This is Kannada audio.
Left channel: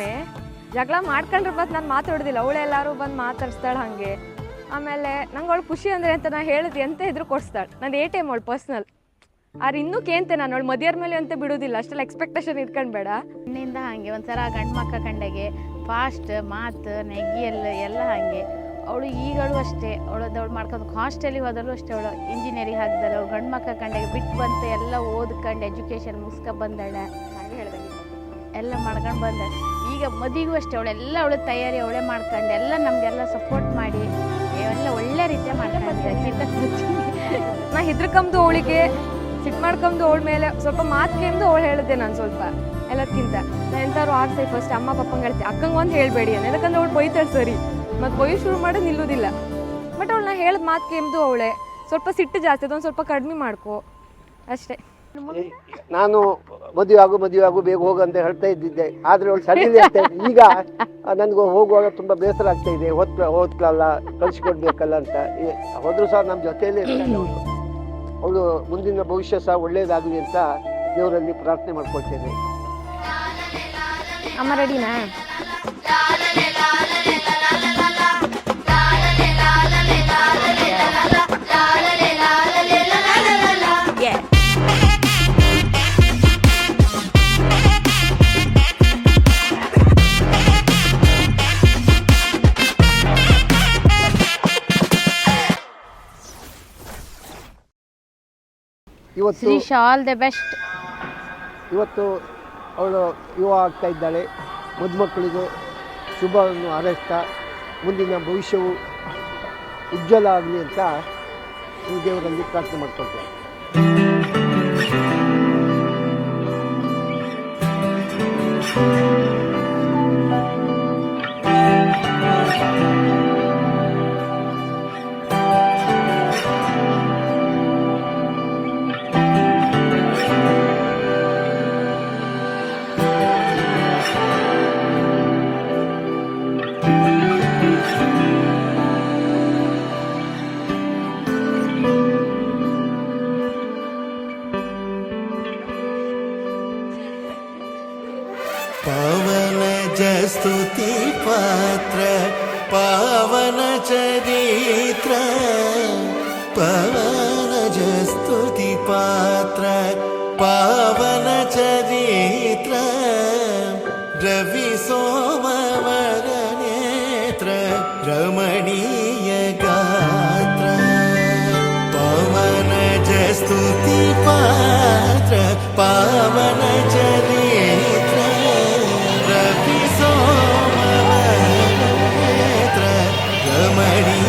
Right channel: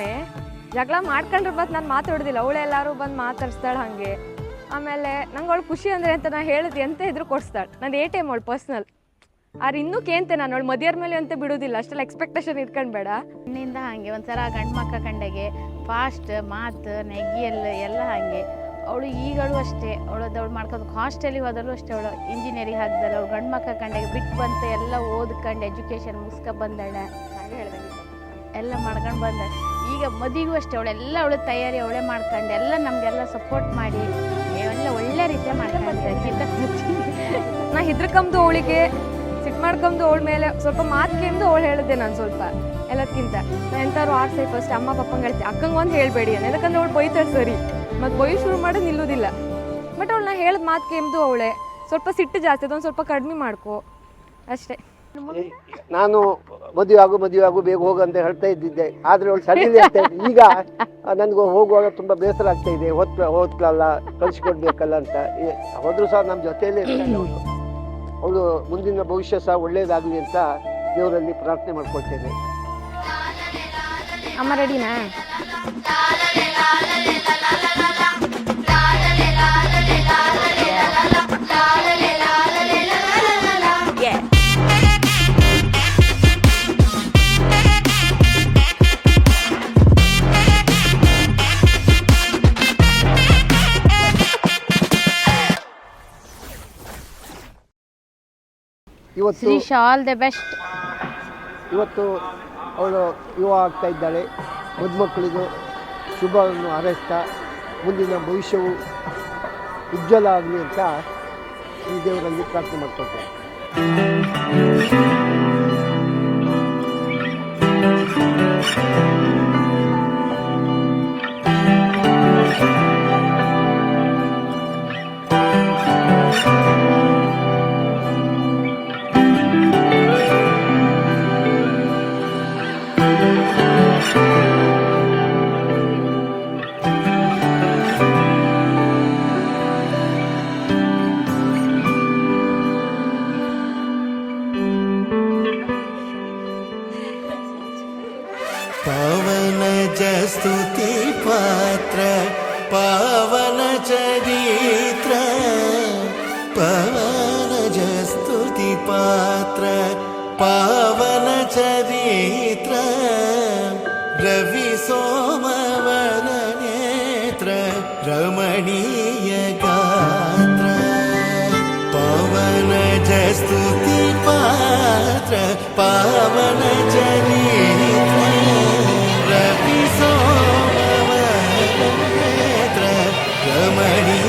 ಒಮ್ಮೆ ಜಗಳ ಮಾಡ್ಕೊಂಡ್ರೆ ಬತ್ ನಾನು ಮಾತಾಡೋದಿಲ್ಲ, ಅವಳೆ ಎಲ್ಲರೂ ಬಂದು ಮಾತಾಡ್ಸ್ತಾಳೆ ಹಾಗೆ. ಆಮೇಲೆ ನಂಗೆ ಅವಳು ಖುಷಿ ಅಂದರೆ ಅಂತ ನಾನು ಹೇಳಿದ್ವಿ ಎಂತ ಇದ್ರು ಕೊಡಿಸ್ತಾಳೆ. ನಂದು ATM ಅವಳು ಪರ್ಸ್ನಲ್. ಆದ್ರೆ ಇನ್ನೂ ಕೇಂತೆ ನಾನು ಅವಳು ಮದಿಯರ ಮೇಲೆ ಅಂತ ಬಿಡೋದಿಲ್ಲ, ಅಷ್ಟೆಲ್ಲ ಎಕ್ಸ್ಪೆಕ್ಟೇಷನ್ ಇಟ್ಕೊಂಡ್ಬೇಡ. ಹೆಣ್ಣಿಂದ ಹಾಗೆ ಒಂಥರ ಗಂಡು ಮಕ್ಕ ಕಂಡಾಗೆ ಫಾಸ್ಟ್ ಮಾತು ನೆಗ್ಗಿ ಎಲ್ಲ ಹಾಗೆ. ಅವಳು ಈಗಳು ಅಷ್ಟೇ, ಅವಳು ಮಾಡ್ಕೊಂಡು ಹಾಸ್ಟೆಲಿಗೆ ಹೋದಳು ಅಷ್ಟೇ. ಅವಳು ಇಂಜಿನಿಯರಿಂಗ್ ಹಾಕಿದಳು, ಅವಳು ಗಂಡು ಮಕ್ಕ ಕಂಡಾಗೆ ಬಿಟ್ಟು ಬಂತು, ಎಲ್ಲ ಓದ್ಕೊಂಡು ಎಜುಕೇಷನ್ ಮುಗಿಸ್ಕೊ ಬಂದಾಳೆ, ಎಲ್ಲ ಮಾಡ್ಕೊಂಡು ಬಂದ. ಈಗ ಮದುವೆಗೂ ಅಷ್ಟೇ ಅವಳು ತಯಾರಿ ಅವಳೇ ಮಾಡ್ಕೊಂಡು ಎಲ್ಲ ನಮಗೆಲ್ಲ ಸಪೋರ್ಟ್ ಮಾಡಿ ಎಲ್ಲ ಒಳ್ಳೆ ರೀತಿಯ ಮಾಡ್ಕೊಂಡಿದ್ದೆ. ನಾ ಹೆದ್ರಕಂದು ಅವಳಿಗೆ ಸಿಟ್ಟು ಮಾಡ್ಕೊಂಡು ಅವಳ ಮೇಲೆ ಸ್ವಲ್ಪ ಮಾತು ಕೇಂದು ಅವಳು ಹೇಳಿದ್ದೆ. ನಾನು ಸ್ವಲ್ಪ ಎಲ್ಲದಕ್ಕಿಂತ ನಾನು ಎಂತಾರು ಆಡ್ಸೈ ಫಸ್ಟ್ ಅಮ್ಮ ಪಪ್ಪಂಗೆ ಹೇಳ್ತೆ, ಅಕ್ಕಂಗೆ ಒಂದು ಹೇಳಬೇಡಿ ಅಂತ. ಯಾಕಂದ್ರೆ ಅವಳು ಬೈತಾಳೆ ಸರಿ, ಮತ್ತು ಬೈ ಶುರು ಮಾಡೋದು ನಿಲ್ಲೋದಿಲ್ಲ. ಬಟ್ ಅವಳು ನಾ ಹೇಳಿದ ಮಾತು ಕೇಂದು ಅವಳೆ ಸ್ವಲ್ಪ ಸಿಟ್ಟು ಜಾಸ್ತಿ, ಅದೊಂದು ಸ್ವಲ್ಪ ಕಡಿಮೆ ಮಾಡ್ಕೊ ಅಷ್ಟೇ. ನಾನು ಮದುವೆ ಆಗು ಬೇಗ ಹೋಗು ಅಂತ ಹೇಳ್ತಾ ಇದ್ದಿದ್ದೆ, ಆದ್ರೆ ಅವಳು ಸರಿ ಆಗ್ತಾ ಇದ್ದೆ. ಈಗ ನನಗೆ ಹೋಗುವಾಗ ತುಂಬಾ ಬೇಸರ ಆಗ್ತಾ ಇದೆ, ಓದ್ಕಲ್ಲ ಕಳಿಸ್ಕೊಡ್ಬೇಕಲ್ಲ ಅಂತ. ಹೋದ್ರು ಸಹ ನಮ್ಮ ಜೊತೆಯಲ್ಲೇ ಇರ್ತಾಳೆ ಅವಳು. ಮುಂದಿನ ಭವಿಷ್ಯ ಸಹ ಒಳ್ಳೇದಾಗಲಿ ಅಂತ ದೇವರಲ್ಲಿ ಪ್ರಾರ್ಥನೆ ಮಾಡ್ಕೊಳ್ತೇನೆ. ಅಮ್ಮ ರೆಡಿನಾ? Shreesha all the best. ಇವತ್ತು ಅವಳು ಯುವ ಆಗ್ತಾ ಇದ್ದಾಳೆ. ಮದುಮಕ್ಕಳಿಗೂ ಶುಭವನ್ನು ಹಾರೈಸ್ತಾ ಮುಂದಿನ ಭವಿಷ್ಯವು ಉಜ್ವಲ ಆಗಲಿ ಅಂತ ಈ ದೇವರಲ್ಲಿ ಪ್ರಾರ್ಥನೆ ಮಾಡ್ಕೊಳ್ತೇನೆ. पावन स्तुति पात्र पावन चरित्र, पावन स्तुति पात्र पावन चरित्र, रवि सोमवर नेत्र रमणीय गात्र, पावन स्तुति पात्र पावन चरित्र, रवि सोमवर नेत्र रमणीय